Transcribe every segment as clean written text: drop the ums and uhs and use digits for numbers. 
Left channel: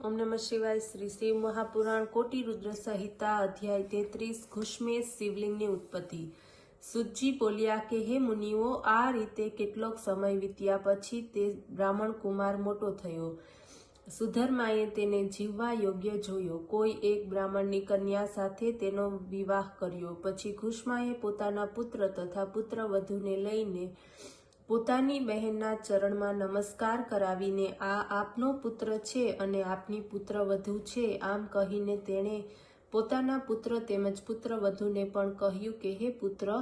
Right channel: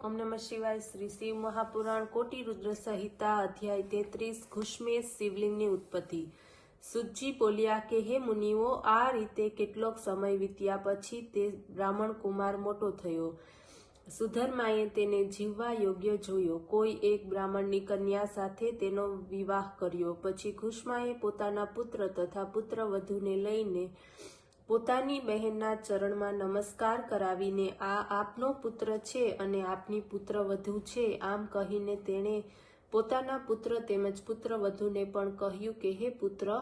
ओम नमः शिवाय। श्री शिव महापुराण कोटि रुद्र संहिता अध्याय 33 घुष्मेश शिवलिंगनी उत्पत्ति। सुतजी बोल्या के हे मुनिओ, आ रीते केटलोक समय वीत्या पछी ते ब्राह्मण कुमार मोटो थयो। सुधर्माए तेने जीववा योग्य जोयो। कोई एक ब्राह्मणनी कन्या साथे तेनो विवाह कर्यो। पछी घुष्माए पोताना पुत्र तथा पुत्रवधूने लईने पोतानी बहेनना चरणमां नमस्कार करावीने आ आपनो पुत्र छे अने आपनी पुत्रवधू छे आम कहीने तेणे पोताना पुत्र तेमज पुत्रवधूने पण कह्युं के हे पुत्र,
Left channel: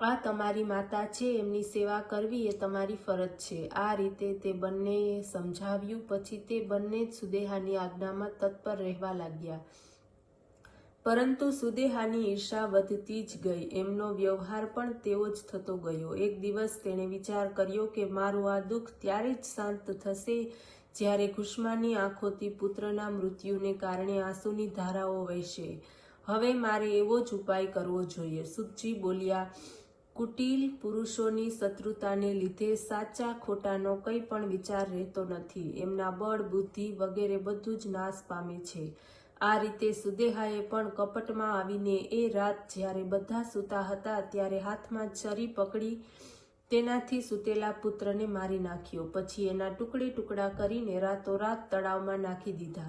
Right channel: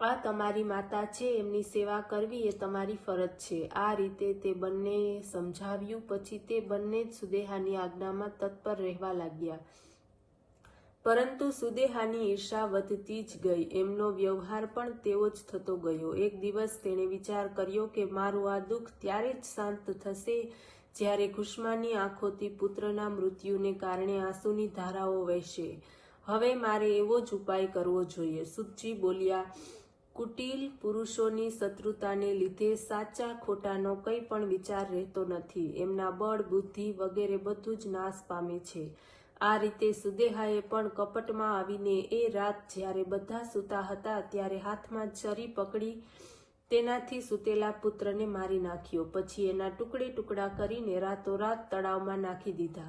आ तमारी माता छे, एमनी सेवा करवी ए तमारी फरज छे। आ रीते ते बंनेए समझाव्युं। पछी ते बंने सुदेहानी आज्ञामां तत्पर रहेवा लाग्या। परंतु सुदेहानी ईर्षा वधती ज गई। एमनो व्यवहार पण तेवो ज थतो गयो। एक दिवस तेणे विचार कर्यो के मारुं आ दुख त्यारे ज शांत थशे ज्यारे घुष्मानी आंखोथी पुत्रना मृत्युने कारणे आंसुनी धाराओ वहेशे। हवे मारे एवो ज उपाय करवो जोईए। सुतजी बोल्या, कुटिल पुरुषोनी शत्रुताने लीधे साचा खोटानो कई पण विचार रहेतो नथी। एमना बळ, बुद्धि वगैरे बधुं ज नाश पामे छे। आ रीते सुदेहाए पण कपटमां आवीने ए रात ज्यारे बधा सूता हता त्यारे हाथमां छरी पकड़ी तेनाथी सूतेला पुत्रने मारी नाख्यो। पछी एना टुकड़े टुकड़ा करीने रातोरात तळावमां नाखी दीधा,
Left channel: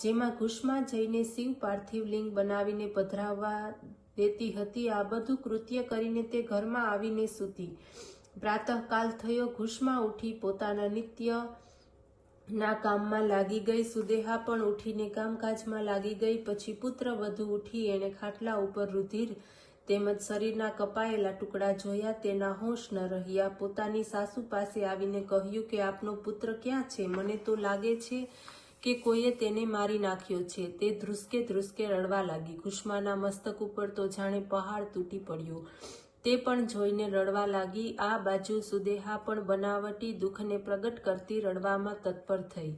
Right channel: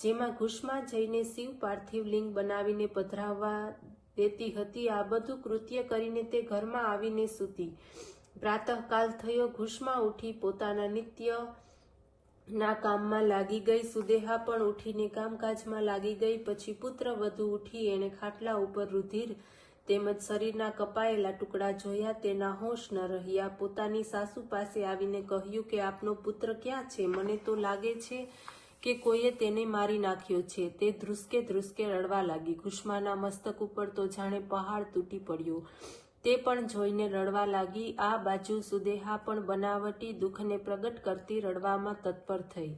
जेमां घुष्मा जईने शिव पार्थिव लिंग बनावीने पधराववा देती हती। आ बधुं कृत्य करीने ते घरमां आवीने सूती। प्रातःकाल थयो। घुष्मा उठी पोताना नित्य ना काममां लागी गई। सुदेहा पण उठीने कामकाजमां लागी गई। पछी पुत्र वधू उठी एणे खाटला उपर रुधिर तेमज शरीરના કપાયેલા ટુકડા જોયા। તેના હોશ ન રહ્યા। પોતાની સાસુ પાસે આવીને કહ્યું કે આપનો પુત્ર ક્યાં છે? મને તો લાગે છે કે કોઈએ તેને મારી નાખ્યો છે। તે ધ્રુસકે ધ્રુસકે રડવા લાગી। ઘુષ્માના મસ્તક ઉપર તો જાણે પહાડ તૂટી પડ્યો। તે પણ જોઈને રડવા લાગી। આ બાજુ સુદેહા પણ બનાવટી દુઃખને પ્રગટ કરતી રડવામાં તત્પર થઈ,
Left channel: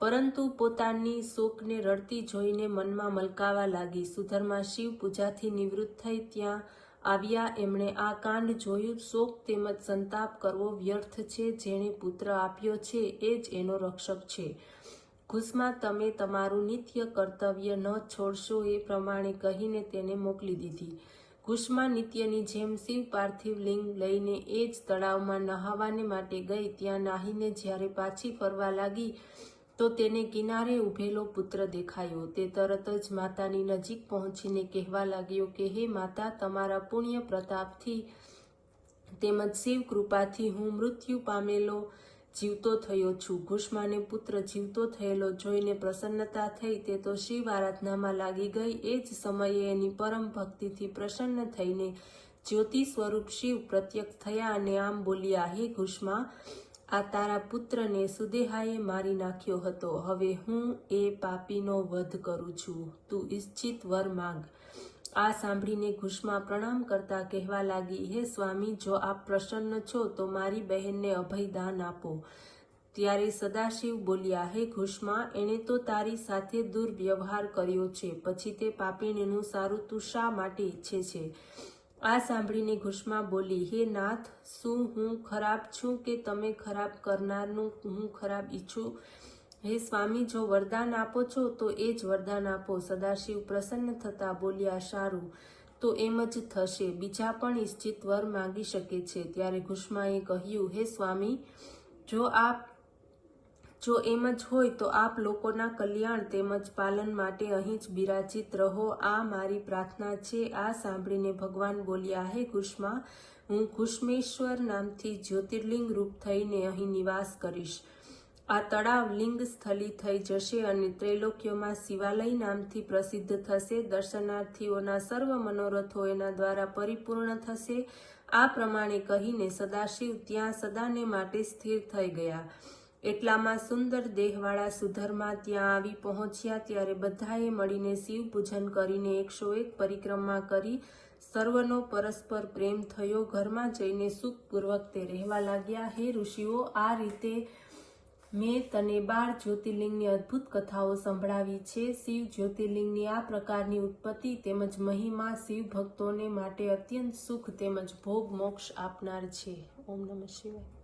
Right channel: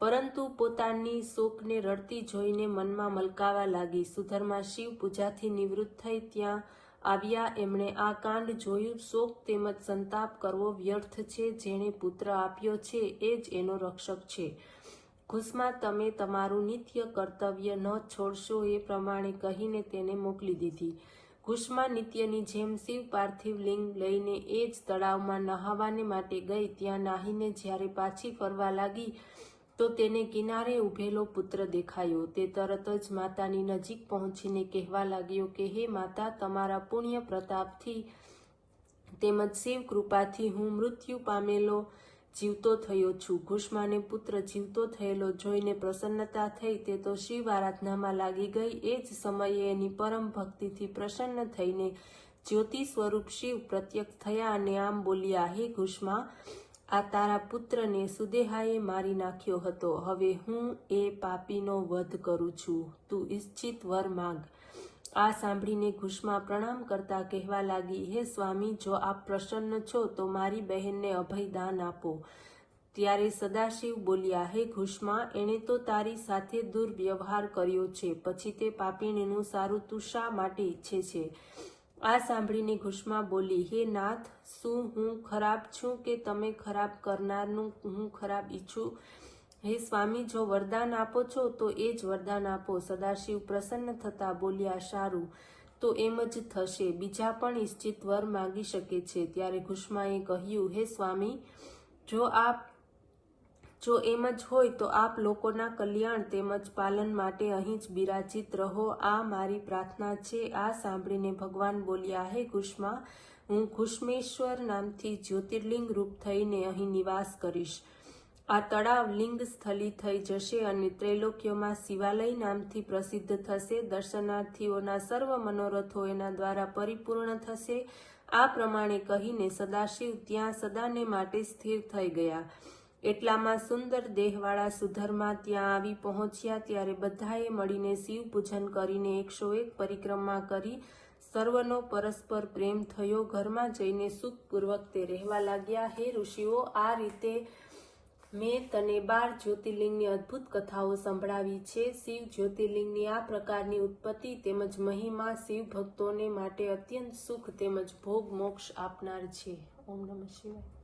પરંતુ પોતાની શોકને રડતી જોઈને મનમાં મલકાવા લાગી। સુધર્મા શિવ પૂજાથી નિવૃત્ત થઈ ત્યાં આવ્યા। એમણે આ કાંડ જોયું। શોક તેમજ સંતાપ કરવો વ્યર્થ છે। જેણે પુત્ર આપ્યો છે એ જ એનો રક્ષક છે। ઘુષ્મા, તમે તમારું નિત્ય કર્તવ્ય ન છોડશો એ પ્રમાણે કહીને તેને મોકલી દીધી। ઘુષ્મા નિત્યની જેમ શિવ પાર્થિવ લિંગ લઈને એ જ તળાવમાં નહાવાને માટે ગઈ। ત્યાં નાહીને જ્યારે પાછી ફરવા લાગી તો તેને કિનારે ઉભેલો પુત્ર દેખાયો। તે તરત જ માતાની નજીક પહોંચીને કહેવા લાગ્યો કે હે માતા, તમારા પુણ્ય પ્રતાપથી તેમજ શિવ કૃપાથી હું મૃત્યુ પામેલો જીવતો થયો છું। ઘુષ્માને પુત્ર જીવતો થયેલો જોઈને પ્રસન્નતા થઈ। તે તો શિવ આરાધનામાં લાગી ગઈ। એ જ સમયે એની પરમ ભક્તિથી પ્રસન્ન થઈને જ્યોતિ સ્વરૂપ શિવ પ્રત્યક્ષ થયા અને આમ બોલ્યા, હે ઘુષ્મા, આ તારા પુત્રને સુદેહાએ મારી નાખ્યો હતો। હવે હું એ પાપીનો વધ કરું છું। તું ઈચ્છિત વર માંગ। આ સાંભળીને ઘુષ્મા પ્રણામ કરતા કહેવા લાગી, હે સ્વામી, જો આપ પ્રસન્ન છો તો મારી બહેનને અભય દાન આપો। ત્યારે સદાશિવ બોલ્યા, હે ઘુષ્મા, એણે તો તારી સાથે દુર્વ્યવહાર કર્યો છે, પછી તે પાપીણીનું સારું તું શા માટે ઈચ્છે છે? આ સાંભળીને ઘુષ્મા બોલી, હે નાથ, શું હું ખરાબ છું કે તમે ખરાબ કરનારનું હું ખરાબ ઈચ્છું? હે સ્વામી, જો વરદાન આપો છો તો એ જ વરદાન આપો। સદાશિવ પ્રસન્ન થતા બોલ્યા, સારું, તો એમ જ થશે। બીજા પણ ઈચ્છિત વર માંગી શકે છે। ત્યારે ઘુષ્માએ કહ્યું, હે સ્વામી, જો એમ જ હોય તો આપ લોકોના કલ્યાણ તેમજ પાલન માટે અહીં જ બિરાજિત રહો। આ મારી પ્રાર્થના છે। આ સાંભળીને ભગવાન બોલ્યા, હે ઘુષ્મા, હું ઘુષ્મેશ્વર નામથી જ્યોતિર્લિંગ રૂપ થઈને અહીં નિવાસ કરીશ। આ તળાવ લિંગ સ્થલી થઈ જશે અને ત્રૈલોક્યમાં શિવાલય નામથી પ્રસિદ્ધ થશે। દર્શનાર્થીઓના સર્વ મનોરથો એના દ્વારા પરિપૂર્ણ થશે। આ પ્રમાણે કહીને સદાશિવ ત્યાં સદાને માટે સ્થિર થઈ ગયા। એટલામાં સુંદર દેહવાળા સુધર્મા ત્યાં આવી પહોંચ્યા। ત્યારે બધાએ મળીને શિવ પૂજન કરીને 101 પરિક્રમા કરી સર્વનો પરસ્પર પ્રેમ થયો। ઘરમાં જઈને સુખપૂર્વક તે રહેવા લાગ્યા। હે ઋષિઓ, આ રીતે મેં તને 12 જ્યોતિર્લિંગની અદ્ભુત કથાઓ સંભળાવી છે। શિવ જ્યોતિર્લિંગની આ પ્રકારની ઉત્પત્તિ તેમજ મહિમા શિવ ભક્તોને માટે અત્યંત સુખ તેમજ ભોગ મોક્ષ આપનાર છે। ઓમ નમઃ શિવાય।